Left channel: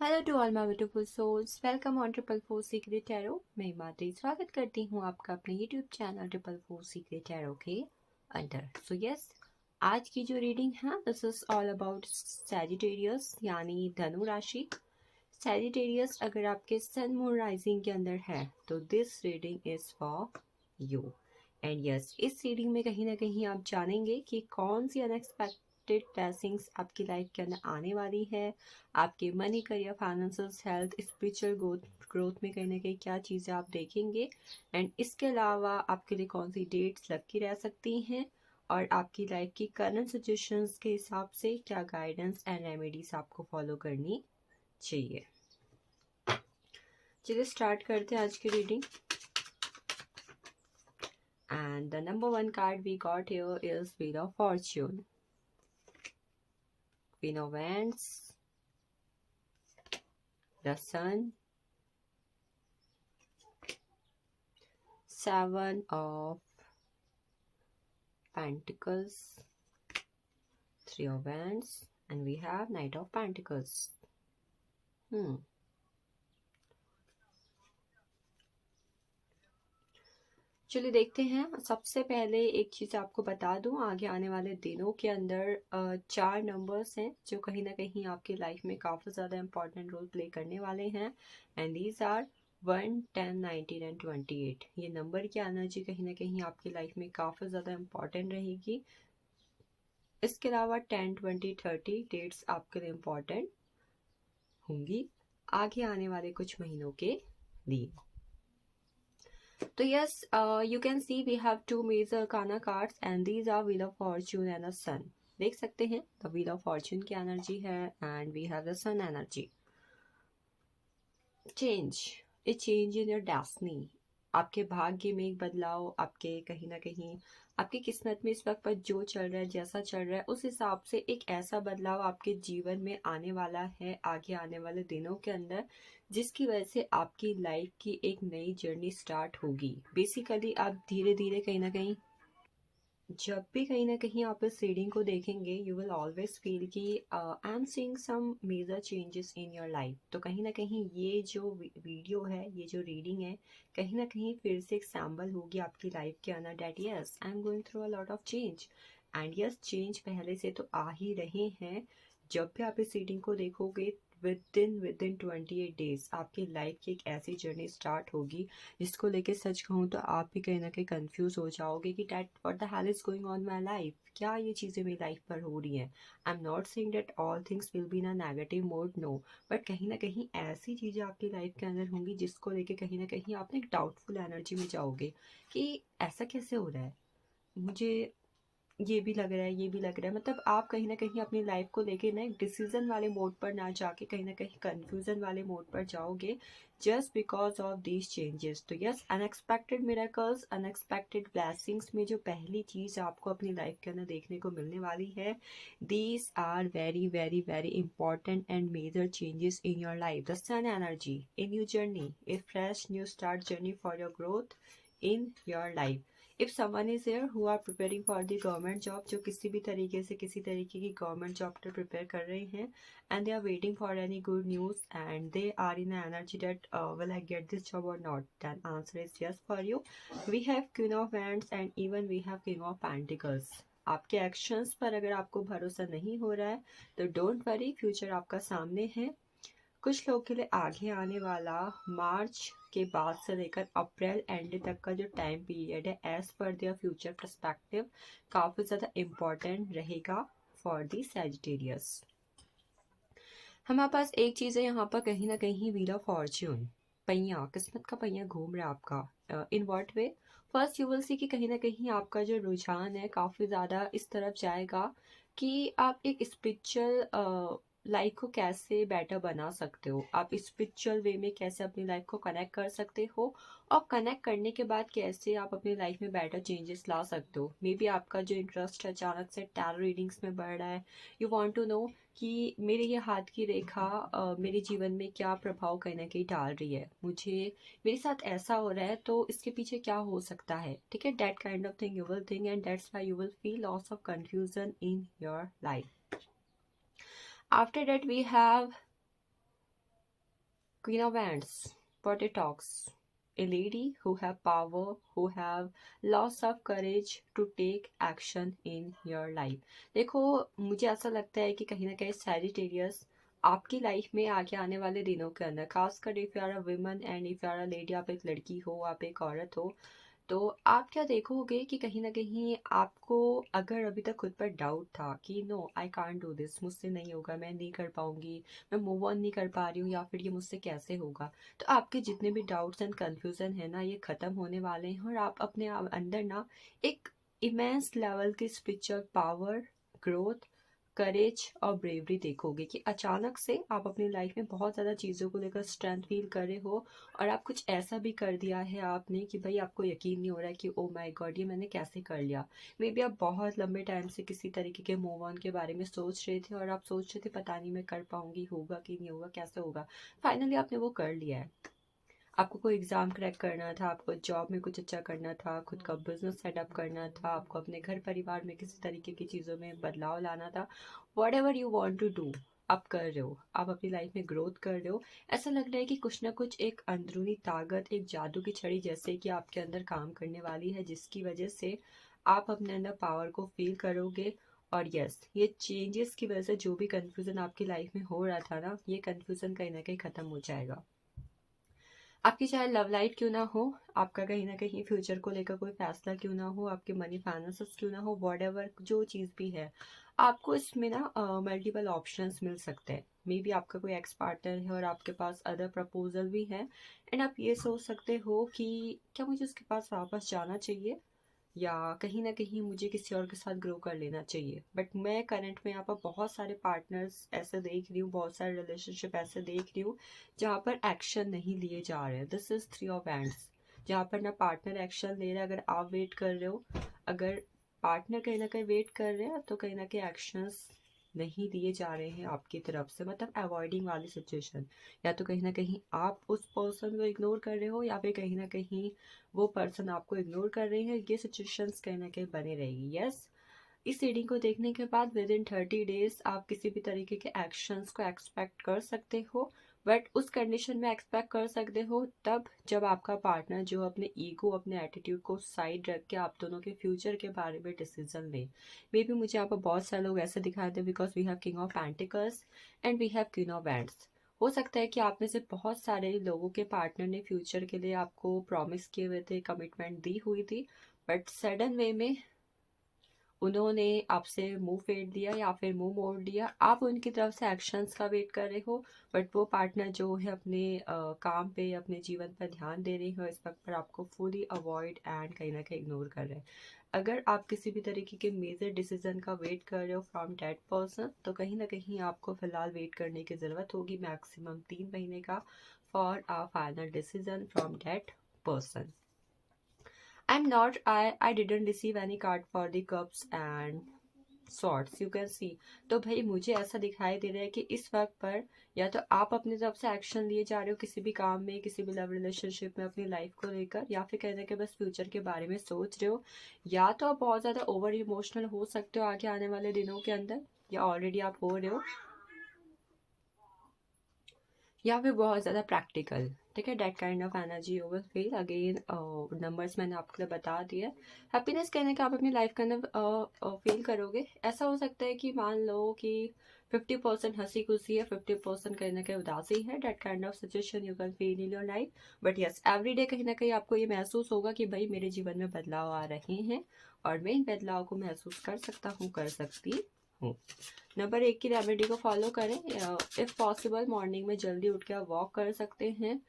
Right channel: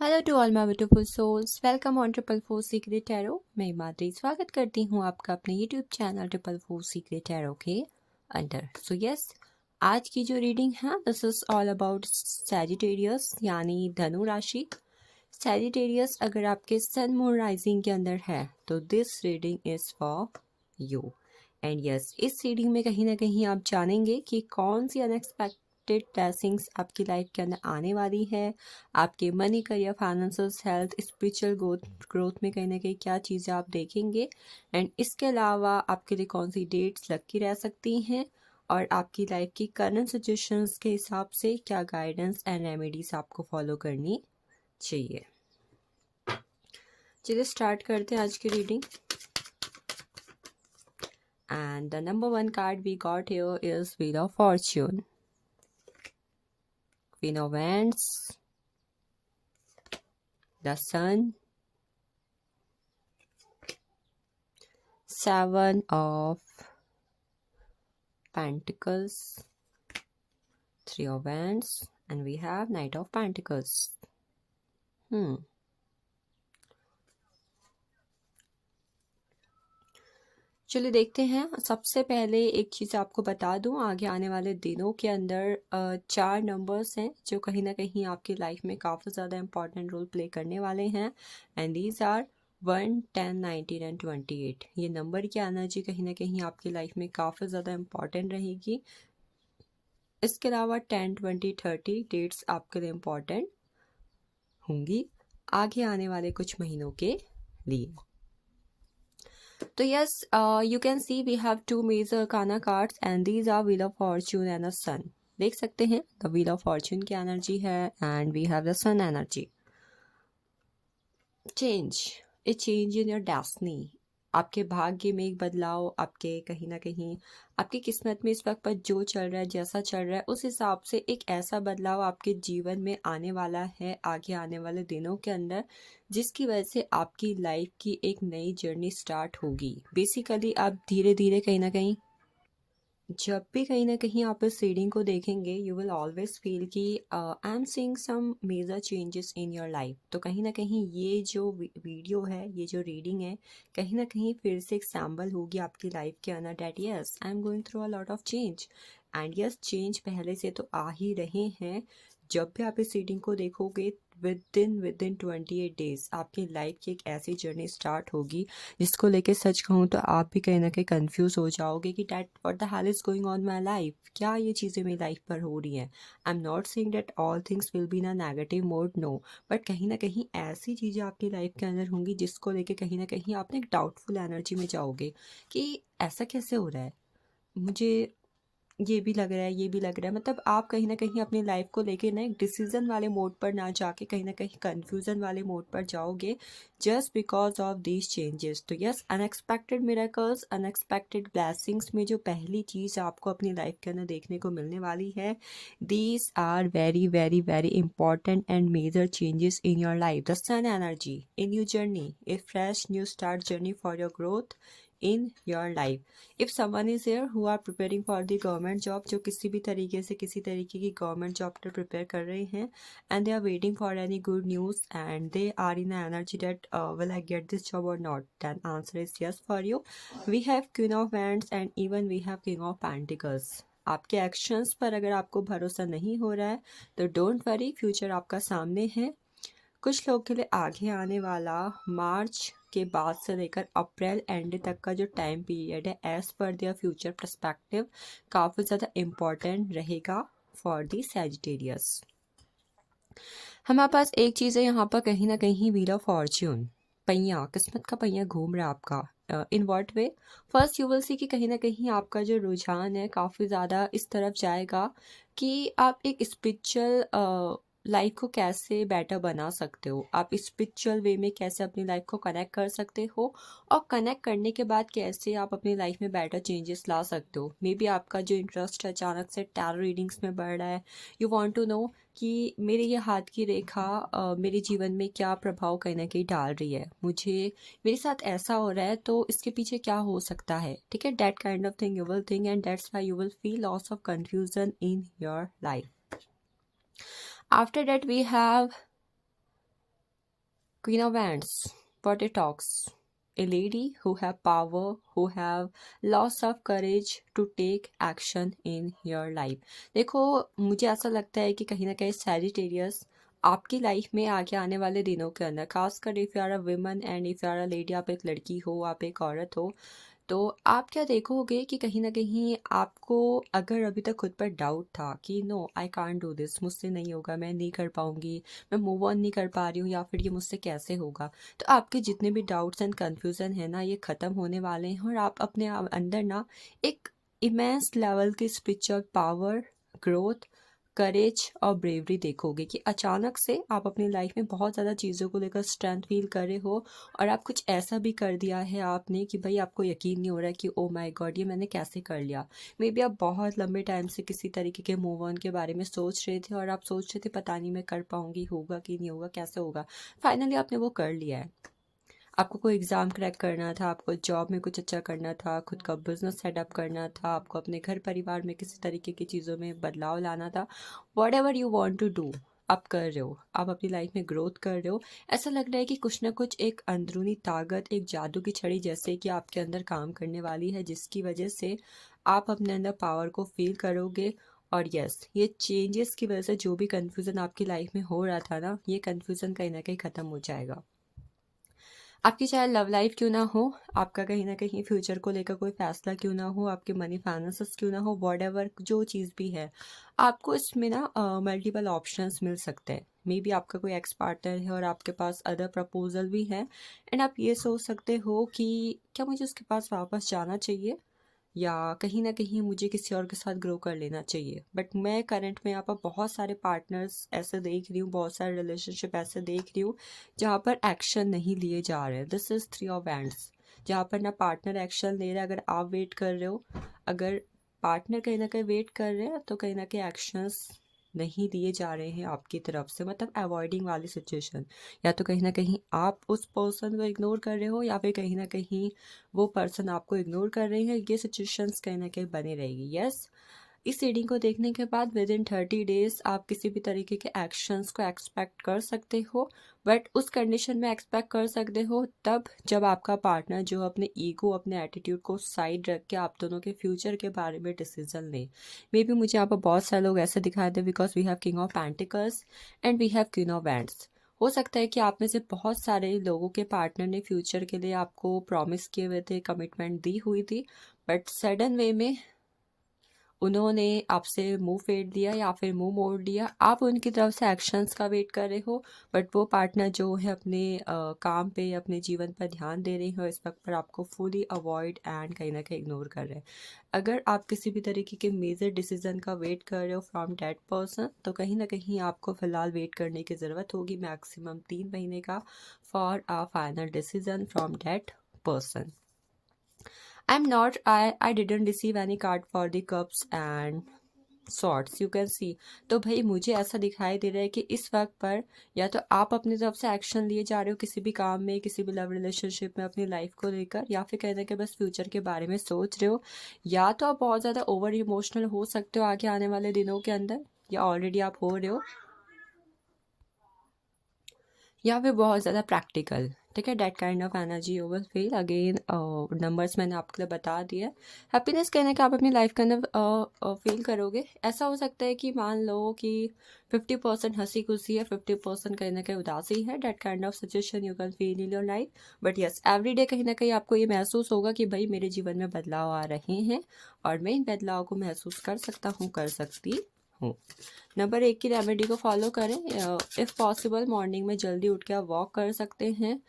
Hello to all my beautiful souls, welcome on triple four secret tarot. मैं हिमाद्री स्वागत करती हूँ आपका अपने YouTube channel triple four secret tarot के अंदर। सो यस, आज की जो रीडिंग है this is all about Sagittarius यानी धनु राशि। सैजिटेरियस अगर आपके सन मून राइजिंग के अंदर है तो this reading is for you. And yes, इस रीडिंग में कहीं ना कहीं आप जानेंगे कि कौन सी अनएक्सपेक्टेड ब्लेसिंग्स आपकी लाइफ के अंदर आने वाली है। आपके money, career, finance, health, spiritual growth में कहीं ना कहीं क्या चीज़ें आप देखेंगे। एंड इसके अलावा आपके लिए कौन सी डेट्स लकी रह सकती हैं और आपकी लाइफ की करंट सिचुएशंस के हिसाब से क्या गाइडेंस एंड रेमेडीज आपको फॉलो करनी चाहिए। चलिए स्टार्ट करते हैं आज की reading. And the number one card we got here is Wheel of Fortune, Queen of Wands, the Sun, Seven of Pentacles, Three of Wands, and we have Knight of Pentacles. चलिए देखते हैं। सबसे पहले एक चीज़ आपको बता दूं, आगे आने वाले दिनों के अंदर 4 नंबर्स हैं जो कहीं ना कहीं आपकी लाइफ में काफ़ी ज़्यादा इंपॉर्टेंट रोल प्ले करने वाले हैं। And these are 1, 10, 19 and 28। ये नंबर की एनर्जी कहीं ना कहीं आपकी लाइफ में काफ़ी ज़्यादा इंपॉर्टेंट रहेगी। इसके अलावा 10, 20, 30 डेट्स आपके लिए इम्पॉर्टेंट होंगी आगे आने वाले कुछ महीनों के लिए। तो yes, you can see we have two major arcana cards and these are wheel of fortune and a sun. देख सकते हैं द व्हील ऑफ फॉर्च्यून की एनर्जी है and we have the sun energy. Change, a change in your destiny. आपके भाग्य में एक बदलाव, आपके कहीं ना कहीं आपकी किस्मत में इस वक्त पर जो चल रहा है, जैसा चल रहा है, उस हिसाब से एक ऐसा बदलाव आपके जीवन में आने वाला है आगे आने वाले दिनों के अंदर, जिसकी वजह से आपकी लाइफ की एक नई जर्नी स्टार्ट होगी। बेसिकली आप धीरे धीरे कहीं ना कहीं, जब भी कहीं ना कहीं आप इस रीडिंग को देखेंगे यू विल ऑलवेज फील कि I am seeing some major changes in your life. तो कहीं ना कहीं ये जो वीडियो है, ये जो रीडिंग है, कहीं ना कहीं फिर से एक सैम्बल होगी आपकी लाइफ के अंदर that yes I am going through a lot of change. And yes, change पहले से तो आ ही रहे हैं। जब भी आप इस रीडिंग को देखोगे विद इन 28 डेज आपकी लाइफ की एक ऐसी जर्नी स्टार्ट होगी जिसको लेके सच कहूँ तो आप भी कहीं ना कहीं कंफ्यूज हो जाओगे कि that what the hell is going on my life, क्या ये चीज़ें मेरी लाइफ पर हो रही हैं। I am not saying that all things will be in a negative mode, no, but कहीं ना कहीं ऐसी चीज़ें आपकी लाइफ के अंदर होंगी जिसको लेके कहीं ना कहीं आप एक डाउटफुल एनर्जी में जाओगे कि ऐसा कैसे हो रहा है, मुझे ये भी लग रहा है, ये भी लग रहा है। मतलब आप कहीं ना कहीं अपनी लाइफ को लेके ना एक डिसीजन वाले मोड पर ना जाके कहीं ना कहीं कंफ्यूजन वाले मोड पर जाओगे just because of these changes. तो yes, unexpected miracles, unexpected blessings में जो पहली चीज़ आपको अपनी लाइफ के अंदर देखने को मिलने वाली है, these are very very very important and major changes in your life. The sun energy in your journey, a fresh new start journey for your growth in your life. If someone is here who are preparing for the government job, जो किसी भी तरीके से किसी तरीके की government job पर prepare कर रहे हैं and they are waiting for any good news and they are in energy that will I get this job और not, then answer is yes for you. We have queen of wands and even we have king of pentacles. आपके actions पर अगर आपको भरोसा नहीं हो रहा है तो डोंट वरी, फ्यूचर आपका सामने है। कुछ लोग के लिए आगे आने वाला मार्च के बाद से लेकर अप्रैल एंड तक का जो टाइम पीरियड है as per their future perspective काफ़ी ज़्यादा इम्पॉर्टेंट रहेगा फॉर दी सैजिटेरियस। हमारे पास एक चीज़ है यहाँ पर, कहीं ना कहीं व्हील ऑफ फॉर्च्यून, पहिया, किस्मत का पहिया घूम रहा है आपका। In what way? First you will see कि कहीं ना कहीं आपका जो रुझान है काफ़ी ज़्यादा इस तरफ जाएगा कि आप एक स्पिरिचुअल लाइफ को कैसे बेटर बना सकते हो, आप स्पिरिचुअल वे में कैसे अपनी लाइफ को कनेक्ट कर सकते हो और कनेक्ट करने के बाद कैसे आप अपनी लाइफ में बेटर चेंजेस ला सकते हो। मे बी आपका जो इंटरेस्ट अचानक से टैरो रीडिंग्स में बढ़ रहा है, यू वॉन्ट टू नो कि मेरे ये हाथ की रेखा मेरे जीवन में क्या प्रभाव कहीं ना कहीं डाल रही है, मुझे मेरे साथ ऐसा हो रहा है तो इसके पीछे क्या हो सकता है। ठीक है, that kind of thing you will think and that's why you will feel loss of confusion in your life. After that we have Queen of Wands, what it talks. A lady who have power, who have lots of courage to take action in your life. देखो, मुझे ऐसा लगता है कि कहीं ना कहीं Sagittarius आपकी लाइफ में आगे आने वाले दिनों के अंदर, खासकर if you are a woman and if you are a lady, आप एक लड़की हो, आप एक औरत हो, तो आप क्या देखोगे कि कहीं न कहीं आपको, अगर अभी तक खुद पर डाउट था कि no I can't do this, मुझसे नहीं होगा, मैं नहीं कर पाऊँगी, मैं मूव ऑन नहीं कर पा रही हूँ, या फिर ये मुझसे कैसे होगा। तो आपके जितने भी डाउट्स एंड कन्फ्यूज़न है ना, ये ख़त्म होने वाले हैं और आप अपने अंदर ना एक इमेंस लेवल की स्पिरिचुअल पावर, ग्रोथ, करेज और ब्रेवरी देखोगे कि अचानक से आप अपनी लाइफ में बहुत ज़्यादा चीज़ों को लेकर स्ट्रेंथ फील कर रहे हो, और आप कुछ ऐसा भी कर दिया है आपने कि भाई आपको यकीन नहीं हो रहा है कि ओ माय गॉड, ये मैंने कैसे कर लिया। मे बी आप बहुत लंबे टाइम से किसी तरीके के मूव ऑन के बारे में सोच रहे थे, और आप सोच रहे थे पता नहीं मैं कर पाऊंगी, होगा कि नहीं होगा, कैसे होगा। फाइनली आपने वो कर लिया है। आपको कोई एग्ज़ाम क्रैक करना था, आपको जॉब में कुछ अच्छा करना था, खुद का बिजनेस सेटअप करना था, आपको अपने घर परिवार में किसी तरीके की चीज़ों में बदलाव लाना था। Whatever you want to do, आप कर रहे हो, आप अपनी लाइफ में ग्रोथ कर रहे हो। ऐसा लग रहा है कि कुछ ना कुछ एक अंदरूनी ताकत, एक जादू की छड़ी जैसे कि आपके अंदर काम करने वाली है, जिसकी वजह से आप अपने अंदर पावर को फील करोगे। और यस, ये चेंजेस की वजह से जो भी कन्फ्यूज़न आपकी लाइफ में हो रहा था ना, ये कन्फ्यूज़न कहीं ना कहीं ख़त्म हो जाएगा। आपकी चाहे लव लाइफ क्यों ना हो, आपका कहीं ना कहीं फ्यूचर को लेकर कोई फैसला क्यों ना हो, आपके मनी फाइनेंसेस क्यों ना हो, वॉट एवर जो चीज़ भी है, आपको इसमें ना मल्टीपल ऑप्शंस मिल सकते हैं। मे बी आपका कोई एक्स पार्टनर है और आपके पास अदर प्रपोजल भी है, एंड आप ये सोच सकते हो कि क्या मुझे उसके पास वापस जाना चाहिए, या कहीं न कहीं मुझे किसी और के साथ ग्रो कर लेना चाहिए। बट मैं करंट में यहाँ पर बहुत सारे पार्टनर्स ऐसे देख रही हूँ, बहुत सारे रिलेशनशिप ऐसे देख रही हूँ जहाँ पर एक्शन नहीं लिए जा रहे हैं। This is three of hands, जहाँ पर ना पार्टनर एक्शन ले रहा है, अगर आप वेट कर रहे हो, अगर पार्टनर कहीं न कहीं वेट कर रहे हैं, तो कहीं न कहीं एक्शंस नहीं लिए जा रहे हैं आपकी तरफ से, मतलब अवॉइडिंग वाली सिचुएशन। या तो कहीं न कहीं आप उस पर्सन को इग्नोर कर रहे हो, या फिर कहीं न कहीं वो पर्सन आपको इग्नोर कर रही है। ये सिचुएशंस कहीं ना कहीं बनी रहेगी। यस, इस रीडिंग को देखने के बाद विद इन 30 डेज आप किसी भी तरीके के एक्शंस को एक्सपेक्ट कर सकते हो, बट उस कंडीशन में एक्सपेक्ट कर सकते हो तब जब आपका पार्टनर जो अपने ईगो, अपने एटीट्यूड को साइड रख के आप दोनों के फ्यूचर के बारे में डिसीजन ले। मे बी मुझे यहाँ पर बहुत सारे लोग ऐसे दिखाई दे, because we have king of pentacles and we have queen of wands. हो सकता है कि आप में से बहुत सारे लोगों के पार्टनर ने फ्यूचर के लिए आपको प्रॉमिस किए हुए थे, कमिटमेंट दी हुई थी, बट सडन वे में उन्होंने आपसे मुंह फेर दिया या फिर मुंह मोड़ दिया। आप उनकी तरफ से एक्शंस का वेट कर रहे हो, बट वो पार्टनर जो है अपने काम पे, अपने जीवन पर ध्यान दे रहे हो इस वक्त पर, आपको फुली अवॉइड एंड कहीं ना कहीं इग्नोर कर रहे हैं। अगर आप किसी भी तरीके के मेजर डिसीजन का वेट कर रहे हो फ्रॉम दैट पर्सन, तो कहीं ना कहीं आपको फ़िलहाल वेट करने की ज़रूरत होगी, मैक्सिमम 3 महीने का, for a final decision from that person. I'm not, I didn't receive any card for the cups and swords, you can see. तो भाई मुझे ऐसा दिखाई दे रहा है कि इस वक्त पर या तो आप अपनी तरफ से एक्शन लिए जा रहे हो किसी भी काम में, किसी भी लव रिलेशनशिप में अपनी लाइफ को लेकर, या फिर कहते हैं कि बस फ्यूचर के बारे में सोच रहे हो, या तो आप बहुत ज़्यादा ओवर इमोशनल हो सकते हो आगे आने वाले दिनों के अंदर, या ऑलरेडी आप हो रहे हो, या फिर बहुत ज़्यादा प्रैक्टिकल। ठीक है, that kind of energy you will feel again. Numbers मैंने आपके लिए बता दिया। हैप्पीनेस कहने का आप अपनी लाइफ के अंदर फील करोगे। ऐसा हो सकता है कि मान लो कि 50% हंसी खुशी है, 50% कहीं ना कहीं उदासी है। That kind of situation you can feel in your life, but yes every day कहीं ना कहीं आपको ये महसूस होगा कि भाई मेरे जीवन में बदलाव आ रहे हैं, और मैं इन बदलाव को महसूस कर सकता हूँ, कर सकती हूँ। नंबर 1 की रेमेडी को फॉलो करें। इफ़ पॉसिबल मॉर्निंग में जल्दी उठ के आप वॉक कर सकते हैं,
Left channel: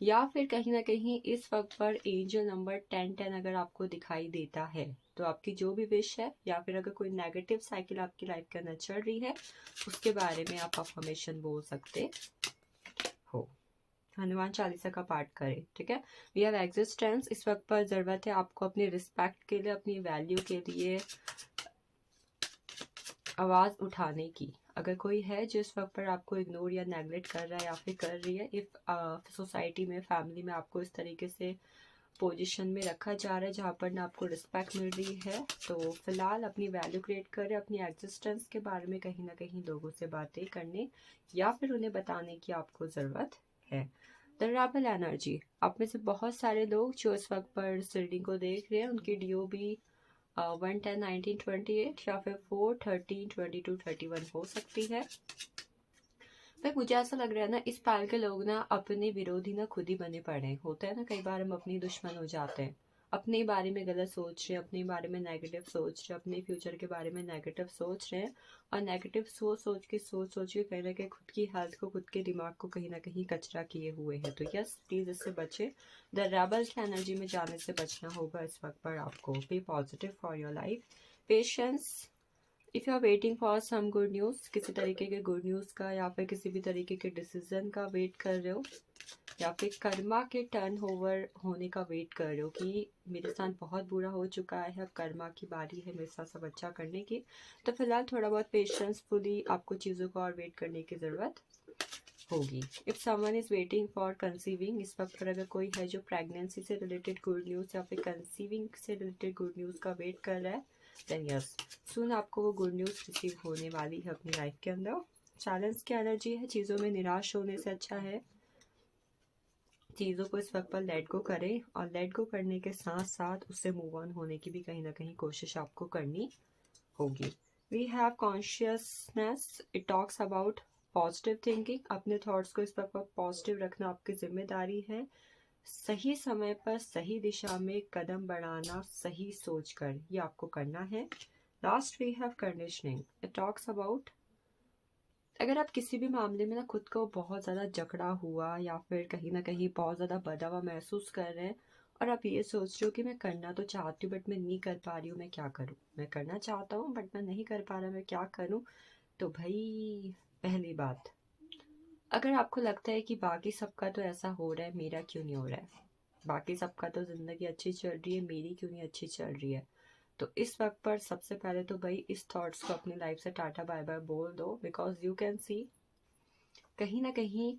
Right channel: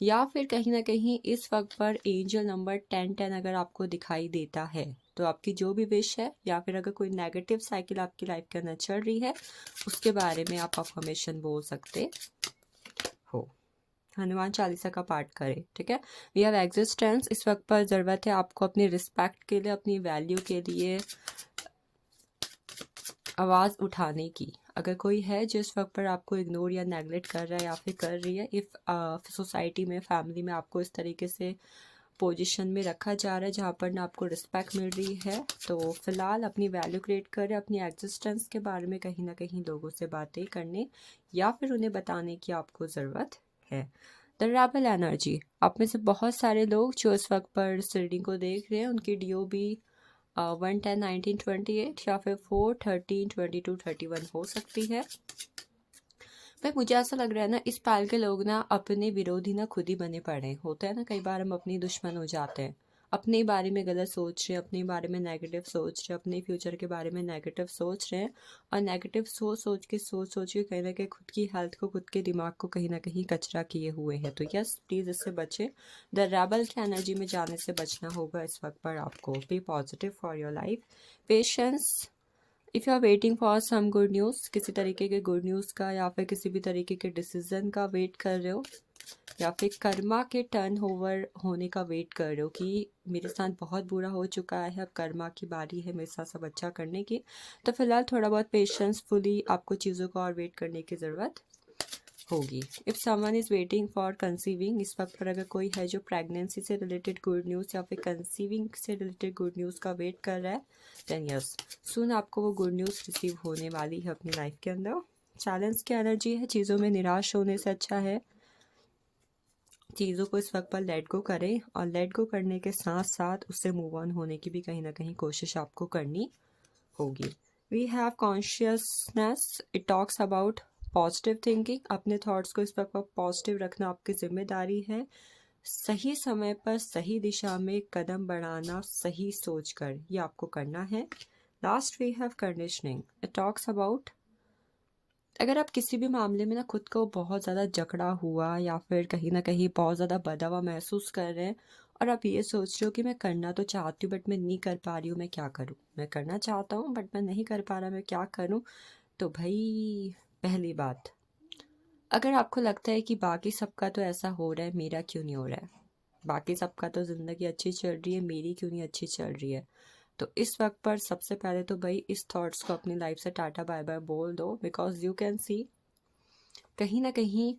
या फिर कहीं ना कहीं इस वक्त पर एंजल नंबर 1010 अगर आपको दिखाई देता है, तो आपकी जो भी विश है, या फिर अगर कोई नेगेटिव साइकिल आपकी लाइफ के अंदर चल रही है, उसके बारे में आप अफर्मेशन बोल सकते हो। हनुमान चालीसा का पाठ करें। ठीक है, वी हैव एग्जिस्टेंस। इस वक्त पर ज़रूरत है आपको अपनी रिस्पेक्ट के लिए, अपनी वैल्यू के लिए आवाज़ उठाने की। अगर कोई है जो इस वक्त पर आपको इग्नोर या नेगलेक्ट कर रहा है या फिर कर रही है, इफ़ सोसाइटी में, फैमिली में आपको इस तरीके से पोजीशन में रखा जा रहा है जहाँ पर ना आपको रिस्पेक्ट मिल रही है, तो फिलहाल अपनी वैल्यू क्रिएट करें, अपनी एग्जिस्टेंस के बारे में कहीं ना कहीं लोगों से बातें करने या फिर उन्हें बताने की आपको ज़रूरत है। द रेबल एनर्जी, आप में से बहुत सारे लोग जो इस वक्त पर इस रीडिंग को देख रहे हैं उनकी DOB 110-19-28 या फिर 4-13-22-31 हो सकती है। भाई मुझे ऐसा लग रहा है ना, इस पाल के लोग ना अपने विरोधी ना खुद ही बने पड़े हैं। होता है ना, कई बार हम अपनी दुश्मन हो जाते हैं, अपने बारे में गलत सोच रहे हैं, अपने बारे में नेगेटिव सोच रहे हैं, अपने फ्यूचर के बारे में नेगेटिव सोच रहे हैं, और नेगेटिव सोच के कहीं ना कहीं खुद की हेल्थ को, खुद के दिमाग को कहीं ना कहीं कचरा किए हुए हैं। तो यस, प्लीज़ इससे बचे। द रेबल की एनर्जी में जाने से बचना होगा इस वक्त पर आपको। Be positive for your life, patience. If you are waiting for some good news, किसी तरीके के गुड न्यूज़ का या फिर किसी भी तरीके के डिसीजन का वेट कर रहे हो, या फिर कर्मा के टर्न ओवर होने का वेट कर रहे हो कि मेरे साथ बहुत बुरा हो चुका है, अब कर्मा की बारी है मेरे साथ सब अच्छा करने की, तो फिलहाल थोड़ा बहुत पेशेंसफुली आपको चीज़ों को और वेट करने की ज़रूरत होगी। If someone is waiting for conceiving, इस वक्त पर अगर कोई है जो प्रेगनेंसी से रिलेटेड गुड न्यूज़ या फिर कंसीविंग से रिलेटेड गुड न्यूज़ का वेट कर रहा है, देन यस, सुन आपको वो गुड न्यूज़ रिसीव होने वाली है अपनी लाइफ के अंदर। चैलेंज की एनर्जी है, चीज़ों में निराश होने से अच्छा है चीज़ों को इस वक्त पर लेट गो करें, और लेट गो करने के साथ साथ उससे मूव ऑन होने की भी कहीं ना कहीं कोशिश आपको करनी होगी। We have consciousness, it talks about positive thinking. अपने थॉट्स को इस वक्त पर पॉजिटिव रखना आपकी जिम्मेदारी है। सही समय पर सही दिशा में कदम बढ़ाना सही सोच कर, ये आपको करना है। Last we have conditioning, it talks about अगर आप किसी भी मामले में ना खुद को बहुत ज़्यादा जकड़ा हुआ या फिर कहीं ना कहीं बहुत ज़्यादा बंधा हुआ महसूस कर रहे हैं, और आप ये सोच रहे हो कि मैं करना तो चाहती हूँ बट मैं नहीं कर पा रही हूँ, मैं क्या करूँ, मैं करना चाहता हूँ बट मैं नहीं कर पा रहा, मैं क्या करूँ। तो भाई, पहली बात, अगर आपको लगता है कि बाकी सबका तो ऐसा हो रहा है, मेरा क्यों नहीं हो रहा है, बाकी सबका तो ज़िंदगी अच्छी चल रही है, मेरी क्यों नहीं अच्छी चल रही है, तो इस वक्त पर सबसे पहले तो भाई इस थॉट्स को अपनी लाइफ से टाटा बाय बाय बोल दो। बिकॉज यू कैन सी, कहीं ना कहीं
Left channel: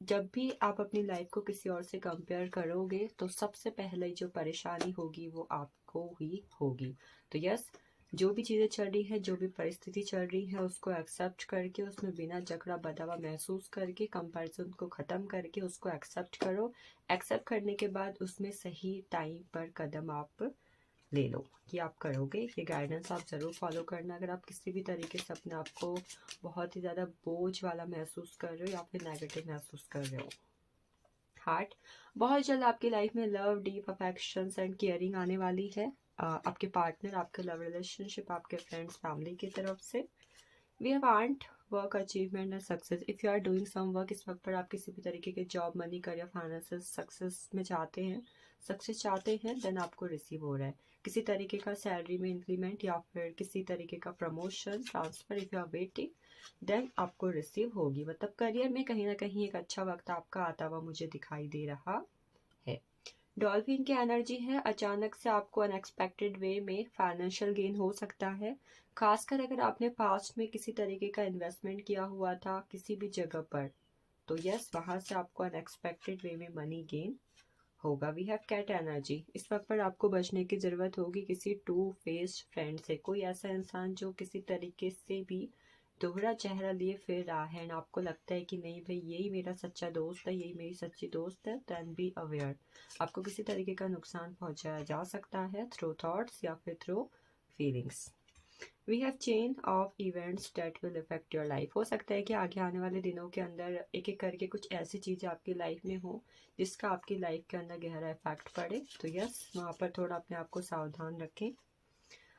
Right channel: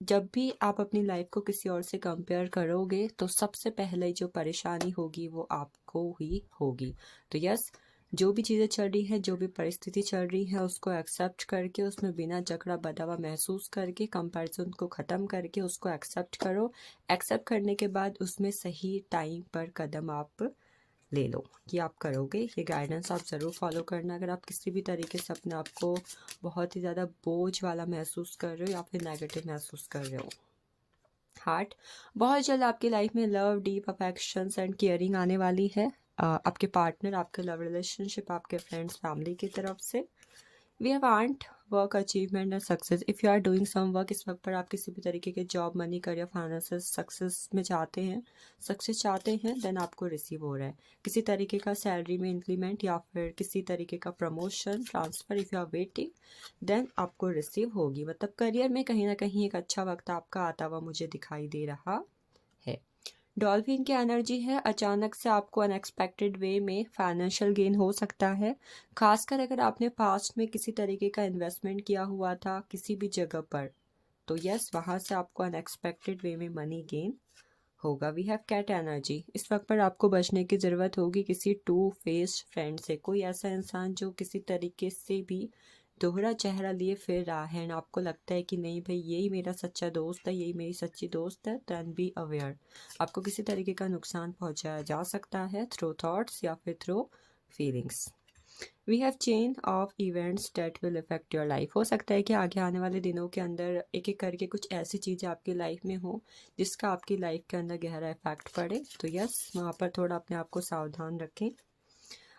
जब भी आप अपनी लाइफ को किसी और से कंपेयर करोगे तो सबसे पहले जो परेशानी होगी वो आपको ही होगी। तो यस, जो भी चीज़ें चल रही है, जो भी परिस्थिति चल रही है, उसको एक्सेप्ट करके, उसमें बिना जकड़ा बंधा हुआ महसूस करके, कंपैरिजन को ख़त्म करके उसको एक्सेप्ट करो। एक्सेप्ट करने के बाद उसमें सही टाइम पर कदम आप ले लो कि आप करोगे। ये गाइडेंस आप ज़रूर फॉलो करना। अगर आप किसी भी तरीके से अपने आप को बहुत ही ज़्यादा बोझ वाला महसूस कर रहे हो या फिर नेगेटिव महसूस कर रहे हो। हार्ट, बहुत जल्द आपकी लाइफ में love, deep affections and caring आने वाली है। आपके पार्टनर, आपके लव रिलेशनशिप, आपके फ्रेंड्स, फैमिली की तरफ से। We have earned work achievement and success, if you are doing some work, इस वक्त पर आप किसी भी तरीके के job, money, career, finances, success में चाहते हैं, सक्सेस चाहते हैं, देन आपको रिसीव हो रहा है किसी तरीके का सैलरी में इंक्रीमेंट या फिर किसी तरीके का promotion, transfer. If you are waiting, then आपको रिसीव होगी। मतलब करियर में कहीं ना कहीं एक अच्छा वक्त आपका आता हुआ मुझे दिखाई दे रहा है। डॉल्फिन की एनर्जी है, अचानक से आपको अनएक्सपेक्टेड वे में फाइनेंशियल गेन हो सकता है, खासकर अगर आपने पास्ट में किसी तरीके का इन्वेस्टमेंट किया हुआ था किसी भी जगह पर, तो यस, वहाँ से आपको अनएक्सपेक्टेड वे में मनी गेन होगा। वी हैव कैट एनर्जी, इस वक्त पर आपको बचने की ज़रूरत होगी किसी टू फेस्ड फ्रेंड से। कोई ऐसा इंसान जो किसी तरीके से भी दोहरा चेहरा लिए फिर रहा है, एंड आपको लगता है कि नहीं भाई, यही मेरा सच्चा दोस्त है, यही मेरी सच्ची दोस्त है, देन बी अवेयर। आपको किसी तरीके का नुकसान पहुंचाया जा सकता है थ्रू थॉट्स या फिर through feelings. We have chain of events that will effect your life, हो सकता है कि आगे आने वाले दिनों के अंदर एक एक करके कुछ ऐसी चीज़ें आपकी लाइफ में हो जिसका आपकी लाइफ के अंदर गहरा इफेक्ट पड़े। तो यस, वहाँ पर थोड़ा अपने आप को सावधान रखें।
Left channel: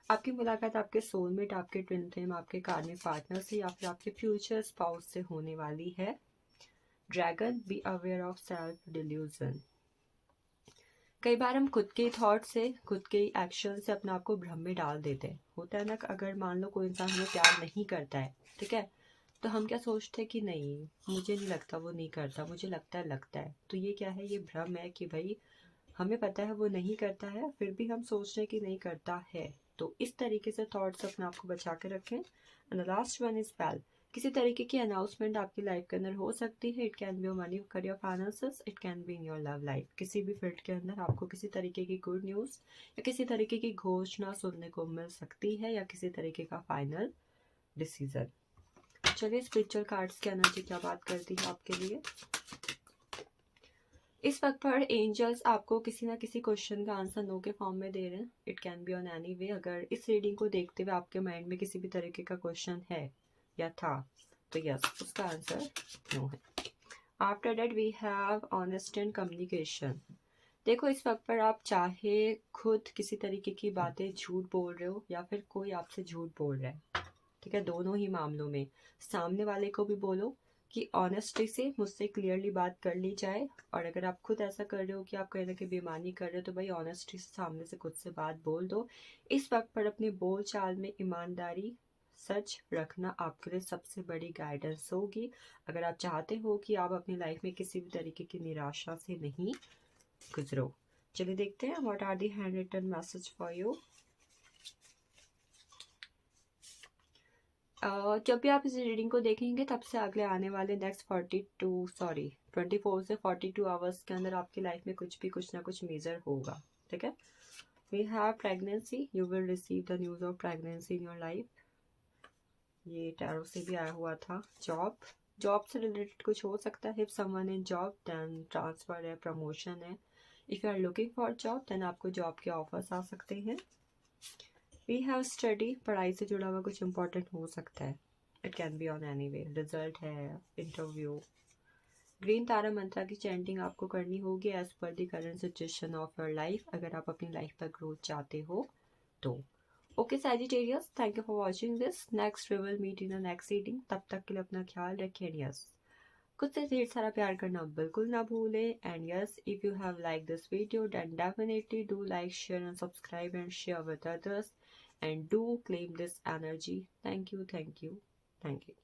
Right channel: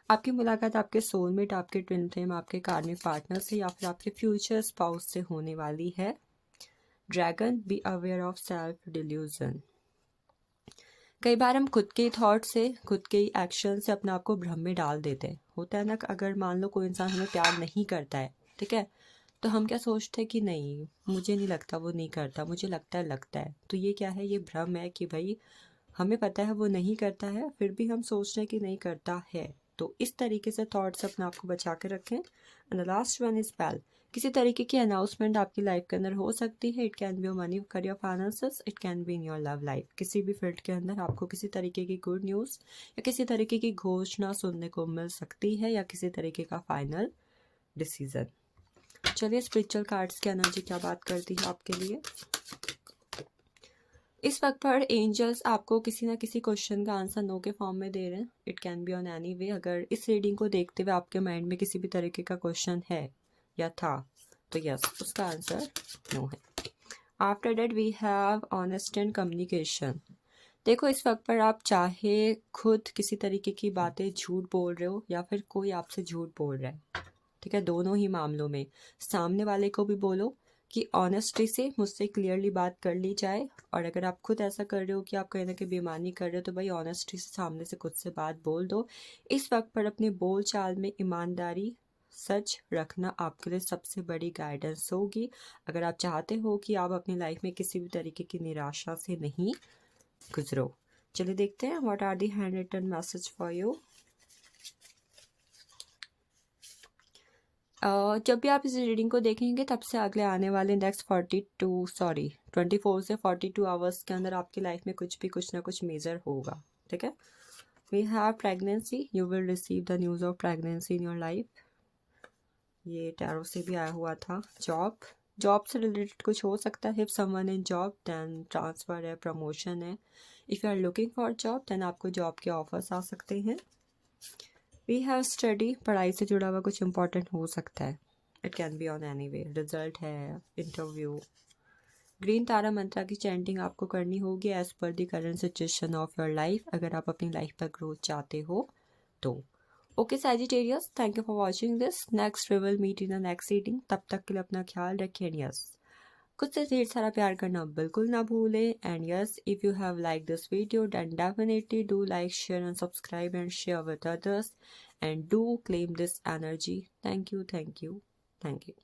आपकी मुलाकात आपके सोलमेट, आपके ट्विन फ्लेम, आपके कार्मिक पार्टनर से या फिर आपके फ्यूचर स्पाउस से होने वाली है। Dragon, be aware of self delusion, कई बार हम खुद के थॉट से, खुद के एक्शन से अपने आप को भ्रम में डाल देते हैं। होता है ना, अगर मान लो कोई इंसान हमें प्यार नहीं करता है, ठीक है, तो हम क्या सोचते हैं कि नहीं, मुझे नहीं लगता वो नहीं करता, मुझे लगता है। तो ये क्या है, ये भ्रम है कि भाई हमें पता है वो नहीं करता है, फिर भी हम सोच रहे हैं कि नहीं करता है। तो इस तरीके से थॉट्स अपने आप को बचा के रखें। And the last one is पैल, किसी तरीके की अनाउंसमेंट आपकी लाइफ के अंदर हो सकती है। It can be your money, career, finances, it can be in your love life. किसी भी फील्ड के अंदर आपको किसी तरीके की गुड न्यूज़ या किसी तरीके की घोषणा सुनने को मिल सकती है, या किसी तरीके का फाइनल डिसीजन। चलिए, स्पिरिचुअल कार्ड्स की एनर्जी क्या बात करती है आपके लिए। इस वक्त पर एंजल्स आपको किसी ना किसी क्वेश्चन का आंसर नो के फॉर्म में दे रहे हैं। It can be on any वे। अगर इस रीडिंग को देखते हुए आपके माइंड में किसी भी तरीके का क्वेश्चन है या था तो यस, उसका आंसर नो है। After that we have honest and communication. देखो, इस वक्त पर आप चाहे खुद किसी तरीके की बातें झूठ बोल रहे हो या फिर कोई आपसे झूठ बोल रहा है, ठीक है, दोनों ही मामलों में सामने वाले को भी बोलो कि ऑनेस्टी से मुझसे क्लियरली बात कर ली जाए, और अगर आप खुद ऐसा कर रहे हो कि आप कहीं ना कहीं बेईमानी कर रहे हो तो भाई ऑनेस्टी से सामने से खुद से बात बोल दो। इस वक्त पर अपने बोल चाल में ईमानदारी, सच रखना आपके लिए सबसे बड़ी गाइडेंस होगी, अगर आप चाहते हो कि आप अपनी लाइफ में किसी भी तरीके की निराशा से नहीं गुजरो। चलिए देखते हैं what are the hand written message for you. जब भी आप इस रीडिंग को देखेंगे तब से अगले आने वाले नेक्स्ट 24 से 42 आवर्स के अंदर आपकी लाइफ में कुछ ना कुछ मेजर होगा, ठीक है। We have pregnancy, you will receive the news of pregnancy in your life. ये टैरो से भी आया हुआ था। जॉब से रिलेटेड कुछ हो सकता है। If someone in job then transfer है, प्रमोशन है। If you are looking for job then आपको जॉब के ऑफर्स आ सकते हैं। वी हैव स्टडी, पढ़ाई से जुड़ा हुआ कुछ इंपॉर्टेंट हो सकता है। It can be on any way. Result है, इंटरव्यू। ग्रीन तारा मंत्रा की चैंटिंग आपको करनी होगी as per the current situation of your life, अगर आप अपनी लाइफ पर ग्रोथ चाहते हो तो। Okay Sagittarius, thank you for watching this. Next we will meet in the next reading. तब तक के लिए अपना ख्याल रखिए। यस, खुद से ढेर सारा प्यार करना बिल्कुल ना भूलें। And yes, if you have like this video then definitely do like, share and subscribe and share with others, and do claim this energy. Thank you, thank you, thank you.